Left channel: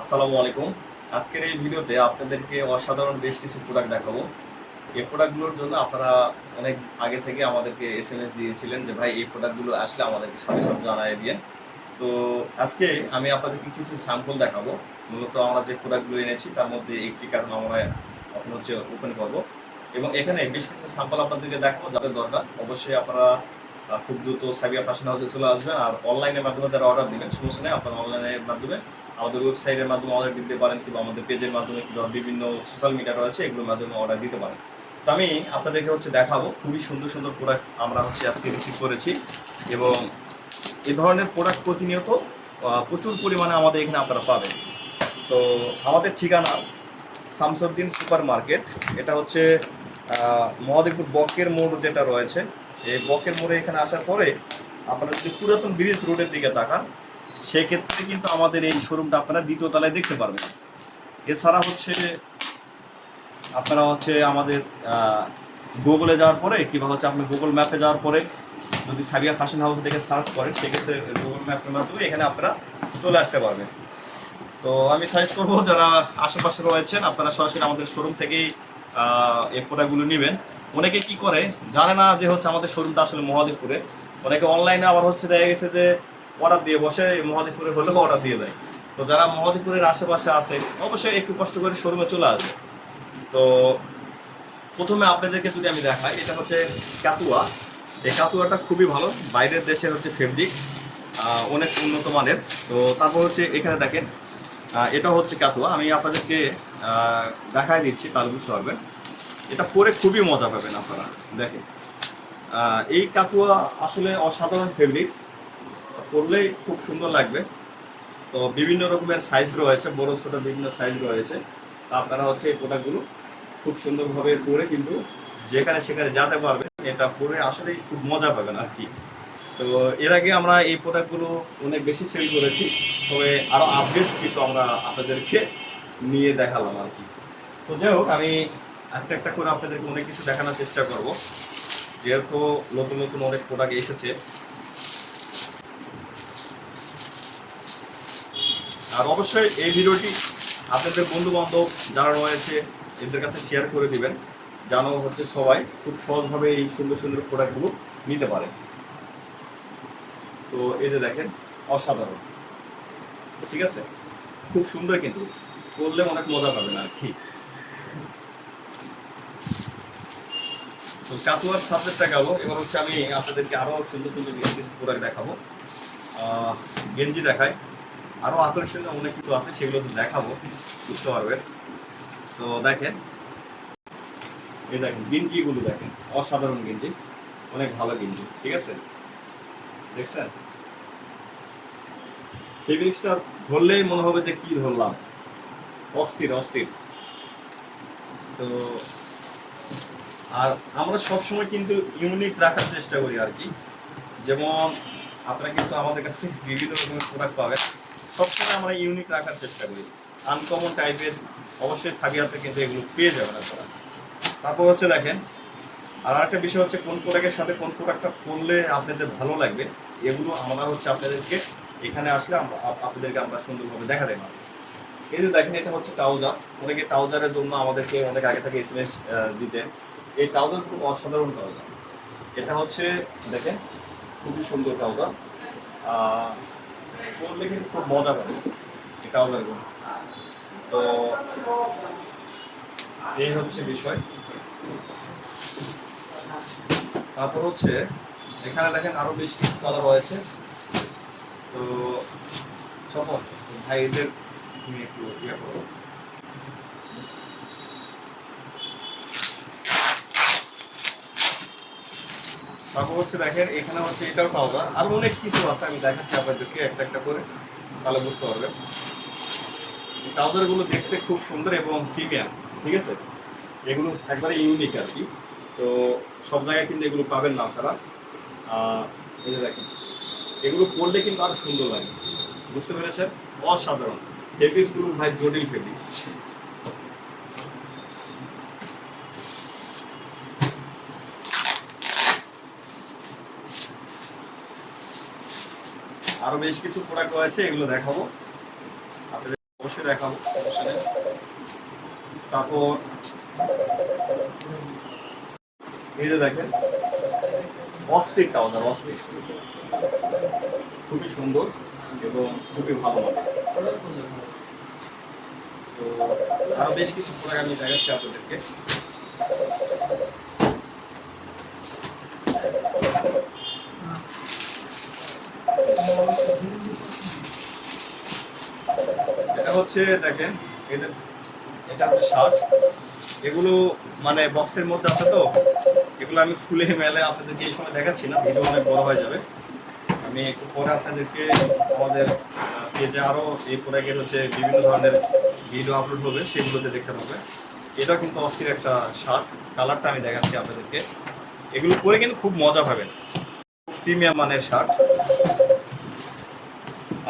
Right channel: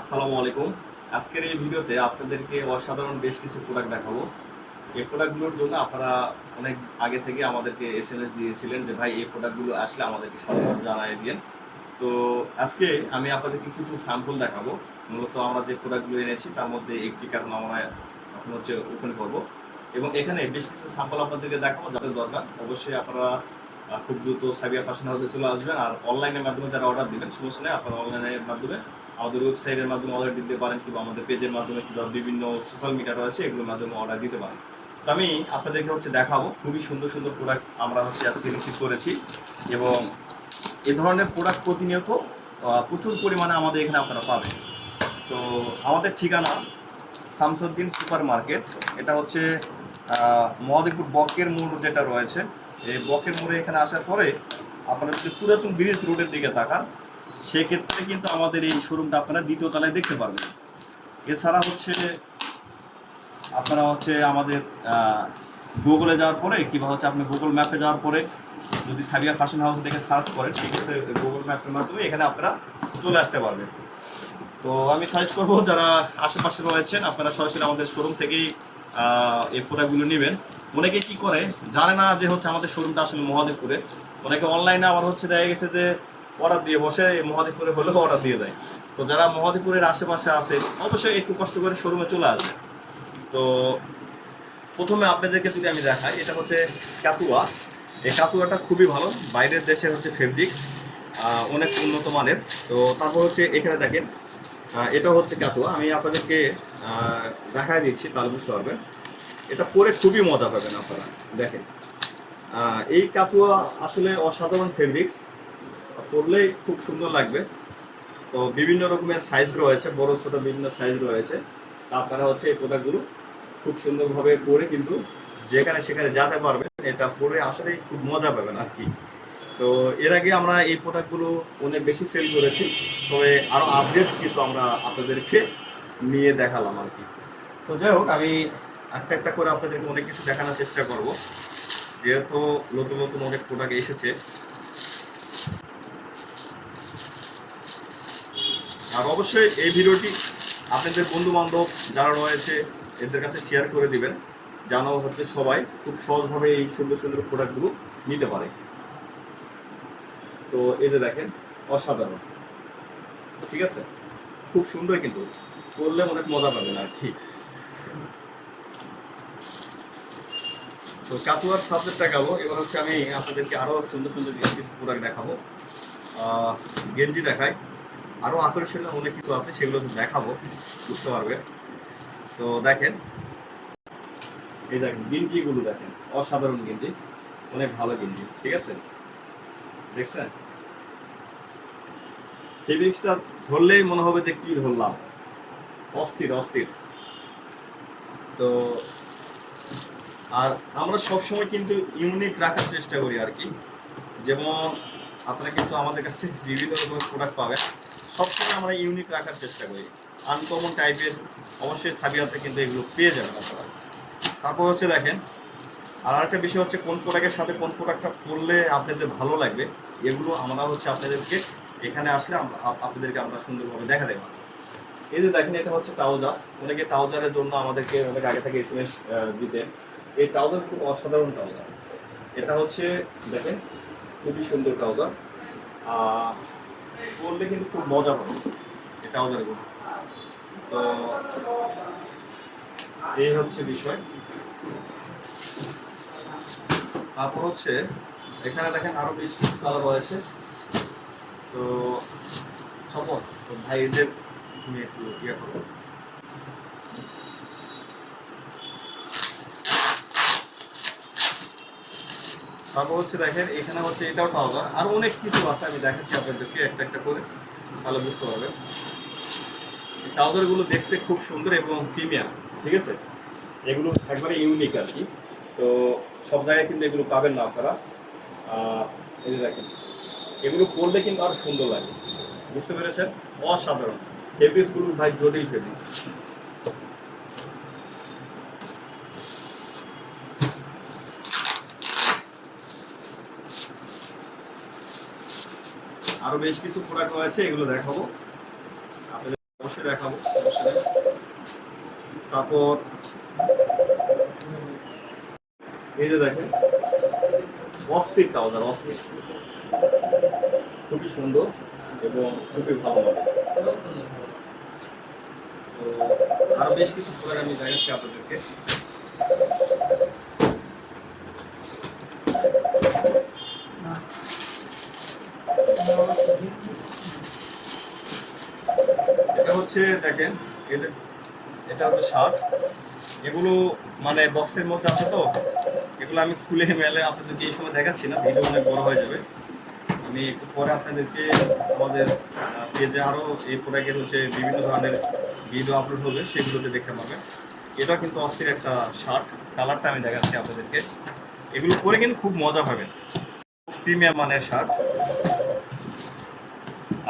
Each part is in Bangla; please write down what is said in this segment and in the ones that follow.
আসসালামু আলাইকুম। আজকের এই ভিডিওতে আপনাদেরকে অসাধারণ বেশ কিছু প্রোডাক্ট দেখাবো। এই প্রোডাক্টগুলোর জন্য আপনারা অনেক আগে থেকে আমাদেরকে এসএমএস দিয়েছিলেন যে ভাই এই প্রোডাক্টগুলো আসলে আমাদেরকে সাথে সাথে জানিয়ে দিয়েন। তো আজকে আমি আপনাদেরকে কিছু স্যাম্পল দেখাবো। মূলত আমরা যে প্রোডাক্টগুলো এনেছি তার মধ্যে একটি কার্টন আমরা এখন হচ্ছে ওপেন করব এবং এখানে বেশ কিছু স্যাম্পল আপনাদেরকে দেখাবো যাদের দরকার। অবশ্যই আপনারা খুব দ্রুত সাবিয়া ফ্যাশন হাউসে চলে আসবেন। আর অনলাইনের মাধ্যমে যারা অর্ডার দিবেন সমস্যা নেই, আপনারা অনলাইনের মাধ্যমে আমাদের ওয়েবসাইটের মাধ্যমে অর্ডার দিতে পারেন কিংবা আমাদের পেজের মাধ্যমে কিংবা বিভিন্ন সোশ্যাল মিডিয়া রয়েছে এগুলোর মাধ্যমে অর্ডার দিতে পারেন। তো আমি আপনাদেরকে হচ্ছে দেখাবো খুবই সুন্দর সুন্দর প্রোডাক্ট আমরা হচ্ছে আজকে রিসিভ করেছি এবং এই ধরনের প্রোডাক্ট প্রতিনিয়ত প্রচুর পরিমাণে আমাদের এখানে আপনারা পাবেন। তো আমাদের ঠিকানা শামসুদ্দিন সুপার মার্কেট। এটা হচ্ছে মহাদেবপুর বকের মোড় যেটা রয়েছে, এই বকের মোড়ে এখানে আসার পরে আপনারা যদি পুরাতন ব্রিজ রোডের দিকে তাকান সেক্ষেত্রে কিন্তু আমাদের এই শোরুমটা আপনারা দ্বিতীয় তলায় দেখতে পারবেন। এছাড়া হচ্ছে আপনারা হচ্ছে আমাদের গুগলে যাওয়ার পরে কিংবা হচ্ছে আপনি গুগল ম্যাপে যাওয়ার পরে যদি সাবিয়া ফ্যাশন হাউস থেকে সার্চ করেন সেক্ষেত্রে গুগল ম্যাপের মাধ্যমে এখানে আপনারা চলে আসতে পারবেন। তো আমি সাজেস্ট করবো যারা আশেপাশে রয়েছেন আপনারা সরাসরি আমাদের শোরুম থেকেই এই প্রোডাক্টগুলো নেবেন। অনেকে কি করে জানে না যে হচ্ছে আমাদের শোরুমটা আসলে মহাদেবপুরে। অনেকে অনলাইনে আবার হচ্ছে দেখা গেছে যে অর্ডার দিয়ে বসে মহাদেবপুরে হলেও অর্ডার দিয়ে দেয়। তো যারা মহাদেবপুরের আশেপাশে আছে অবশ্যই একটু কষ্ট করে শোরুমে চলে আসবে। তো প্রথমে আপনাদেরকে যদি আমি দেখাই, এটা হচ্ছে কাতুয়া। এই কাতুয়াটা খুবই ভালো, বাইরের দেশের হচ্ছে ফেব্রিক্স, অনেক উন্নত মানের। তো তারপর হচ্ছে এখানে দেখেন এটা হচ্ছে কাতুয়া, আমি আপনাদেরকে দেখাই দিচ্ছি তাহলে বুঝতে পারবেন। এটা পরে খুবই মজা পাবেন আপনারা। দেখেন এই কাতুয়া আসলে অসাধারণ ফেব্রিক্স, পরলেই খুব সুন্দর লাগবে। তো বিভিন্ন রকমের সাইজ রয়েছে, বড় ছোট বিভিন্ন সাইজ রয়েছে। আপনারা হচ্ছে এই প্রোডাক্টগুলো খুব সুন্দরভাবে পরে কিন্তু যেখানে সেখানে যেতে পারবেন। এটা পরে আসলেই খুব মজা পাবেন আর কি। তো এর আগে আমরা এই প্রোডাক্টগুলো অনেক বেশি সেল করেছি, তবে আরও আপডেট কিছু আমরা আপনাদেরকে নিয়ে দেখালাম আর কি। তো যাই হোক, আমি একটা একটা করে আপনাদেরকে অনেক কিছু দেখানোর চেষ্টা করব, যেহেতু নতুন নতুন অনেক প্রোডাক্ট এসেছে। আর অবশ্যই এই ভিডিওটি আপনাদের বন্ধু বান্ধব যারা রয়েছে এদের কাছে শেয়ার করে দিবেন, যেন হচ্ছে সবাই খুব সহজভাবে এই সুন্দর সুন্দর প্রোডাক্টগুলো নিতে পারে। তো এই যে দেখেন অসাধারণ, ঠিক আছে, খুব সুন্দর, কিন্তু করলে অনেক মজা পাবেন আর কি। তো কাতুয়ার সাবজেক্টটা গেল, এবার হচ্ছে আমি আপনাদেরকে আরো সুন্দর সুন্দর কিছু প্রোডাক্ট দেখাবো। গেঞ্জি দেখাই, আরো আকর্ষণীয় অনেক কিছু আছে সেগুলো তো দেখাবো, বুঝতে পারবেন। তো দেখেন এই দেখেন গেঞ্জিগুলো দেখেন, অসাধারণ গেঞ্জি, অনেক ভালো গেঞ্জি, ঠিক আছে, দেখছেন ফেব্রিক্সটা ধরলেই মনে হবে যে কি ধরলাম, অস্থির অস্থির। তো আর আমরা সবসময় কিন্তু ইউনিক রাখার চেষ্টা করি আর কি। যেমন আপনারা কিন্তু আমাদের কাছে বিভিন্ন রকমের প্রোডাক্ট পাবেন, সবসময় আমরা ইউনিক রাখার চেষ্টা করি, আনকমন টাইপের। অবশ্যই সাবিয়াতে কিন্তু এগুলো পেয়ে যাবেন আপনারা। তারপর হচ্ছে দেখেন আর একটা বিষয় হচ্ছে কোন প্রোডাক্টের সাথে কোন প্রোডাক্টটা পরলে আপনাদের ভালো লাগবে, এগুলো আমরা হচ্ছে আপনাদেরকে এখানে আসলে আমরা আপনাদেরকে আমরা সুন্দরভাবে দেখাতে পারবো। এই যে দেখেন এটা হচ্ছে ট্রাউজার, অনেকে ট্রাউজারের জন্য আমাদেরকে অনেক আগে থেকে এসএমএস দিতেন। এই ট্রাউজার খুব অসাধারণ ট্রাউজার। এটা হচ্ছে দেখেন খুবই সুন্দর ট্রাউজার, পরলে কিন্তু খুব মজা পাবে এই ট্রাউজারগুলো। তো এই হচ্ছে বিষয়। তারপর হচ্ছে এখানে দেখেন আরো বেশ কিছু কালার রয়েছে। তো সপন ভাই এদের তুমি একটু ইয়ে করো। তারপর হচ্ছে দেখেন এখানে হচ্ছে এটাও ট্রাউজার, আর অনেক কিছু আছে, আমি দেখাচ্ছি আপনাদেরকে একটা একটা করে, তাহলে বুঝতে পারবেন। ট্রাউজারগুলো দেখতে খুব সুন্দর এবং প্রিমিয়াম, ঠিক আছে, এগুলো একবারে ইউনিক আর কি। তো সব জায়গায় কিন্তু এগুলো পাবেন না আপনারা। এই যে দেখেন এগুলো পরলে কিন্তু আরো সুন্দর লাগে, বুঝতে পেরেছেন, অসাধারণ ফেব্রিক্সগুলো ভাই, জটিল ফেব্রিক্স। আরো বেশ কিছু প্রোডাক্ট রয়েছে, এগুলো দেখাবো আপনাদের। অবশ্যই দেখাবো, সমস্যা নেই। তারপর এই যে দেখেন, অস্থির ট্রাউজার, অস্থির, খুবই সুন্দর এবং খুবই ভালো লাগে। তো আরো বেশ কিছু প্রোডাক্ট আমি দেখাচ্ছি আপনাদেরকে। এটা হচ্ছে দেখেন, এদের এটা হচ্ছে শার্ট। এগুলো মানে বক্সের মধ্যে আছে, তো এগুলো আমি খুলে মেলে আপনাদেরকে এই সময় দেখাচ্ছি না, ভিডিও অনেক বড় হয়ে যাবে। আমি একটু পরে আপনাদেরকে আমাদের পেজে আরও এই প্রোডাক্টের হচ্ছে বিভিন্ন ধরনের ভিডিও আপলোড হবে, সেগুলোতে দেখতে পাবেন। এটা কিন্তু অস্থির একটা শার্ট, কালারটা আমি দেখাচ্ছি আপনাদেরকে। এগুলো পরে কিন্তু খুব মজা পাবেন, প্রিমিয়াম মানের শার্ট।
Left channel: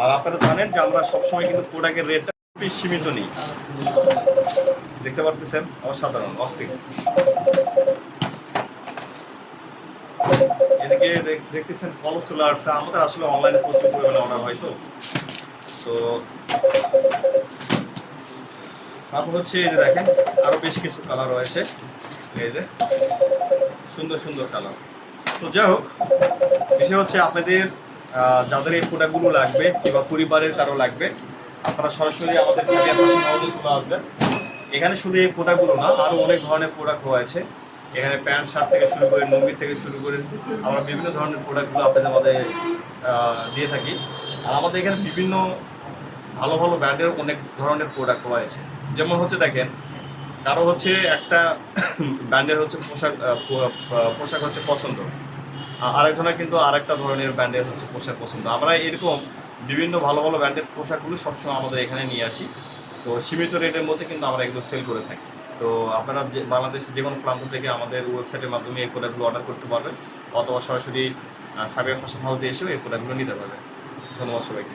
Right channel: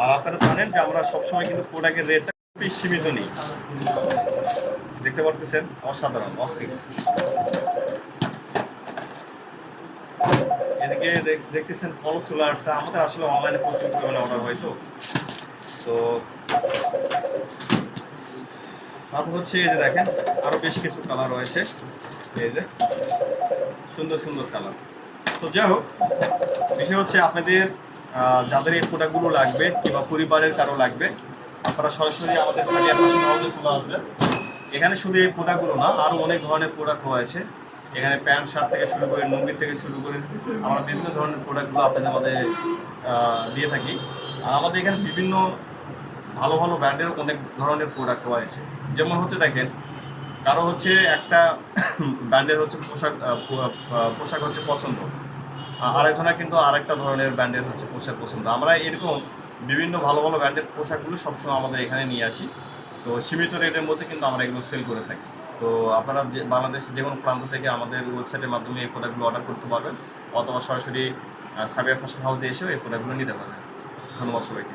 আর আপনারা জানেন যে আমরা সবসময় কিন্তু প্রোডাক্টের রেটটা খুবই সীমিত নিই। দেখতে পারতেছেন, অসাধারণ, অস্থির। এদিকে দেখতেছেন ফল চলে আসছে। আমাদের আসলে অনলাইনে প্রচুর পরিমাণে অর্ডার হয়, তো তারপর হচ্ছে এই যে দেখেন, আরো বেশ কিছু কালার রয়েছে, এই যে সুন্দর সুন্দর কালার। তো যাই হোক, বিষয় হচ্ছে আপনাদের যাদের এই প্রোডাক্টগুলো লাগবে কিংবা পরিবারের কারো লাগবে, আপনারা সরাসরি আমাদের সাদিয়া ফ্যাশন হাউসে চলে আসবেন। এখানে শুধু এই প্রোডাক্টগুলো না, আরও অনেক ধরনের প্রোডাক্ট রয়েছে। এখানে প্যান্ট শার্ট থেকে শুরু করে, লুঙ্গি থেকে শুরু করে আমরা বিভিন্ন ধরনের প্রোডাক্টগুলো আপনাদের মধ্যে দিয়ে থাকি। আর আমাদের এখানে বিভিন্ন ভালো ভালো ব্র্যান্ডের অনেক ধরনের প্রোডাক্ট রয়েছে। যেমন হচ্ছে দেখেন, কারো হচ্ছে একটা ব্র্যান্ডের হচ্ছে পোশাক হচ্ছে পছন্দ, আরেকজনের কিন্তু আরেকটা ধরনের ব্র্যান্ডের হচ্ছে পোশাক পছন্দ। আমরা এরকম বিভিন্ন ভালো ভালো ব্র্যান্ডের পোশাকগুলো সবসময় আমাদের এখানে নিয়ে আসি। তো সীমিত রেটের মধ্যে কিন্তু আমরা এগুলো সেল করে থাকি। তো আপনারা যে বাংলাদেশের যে কোনো প্রান্ত থেকে আমাদের ওয়েবসাইটের মাধ্যমে এই প্রোডাক্টগুলো অর্ডার করতে পারবেন, অথবা সরাসরি সাবিয়া ফ্যাশন হাউসে এসেও এই প্রোডাক্টগুলো নিতে পারবেন। ধন্যবাদ সবাইকে।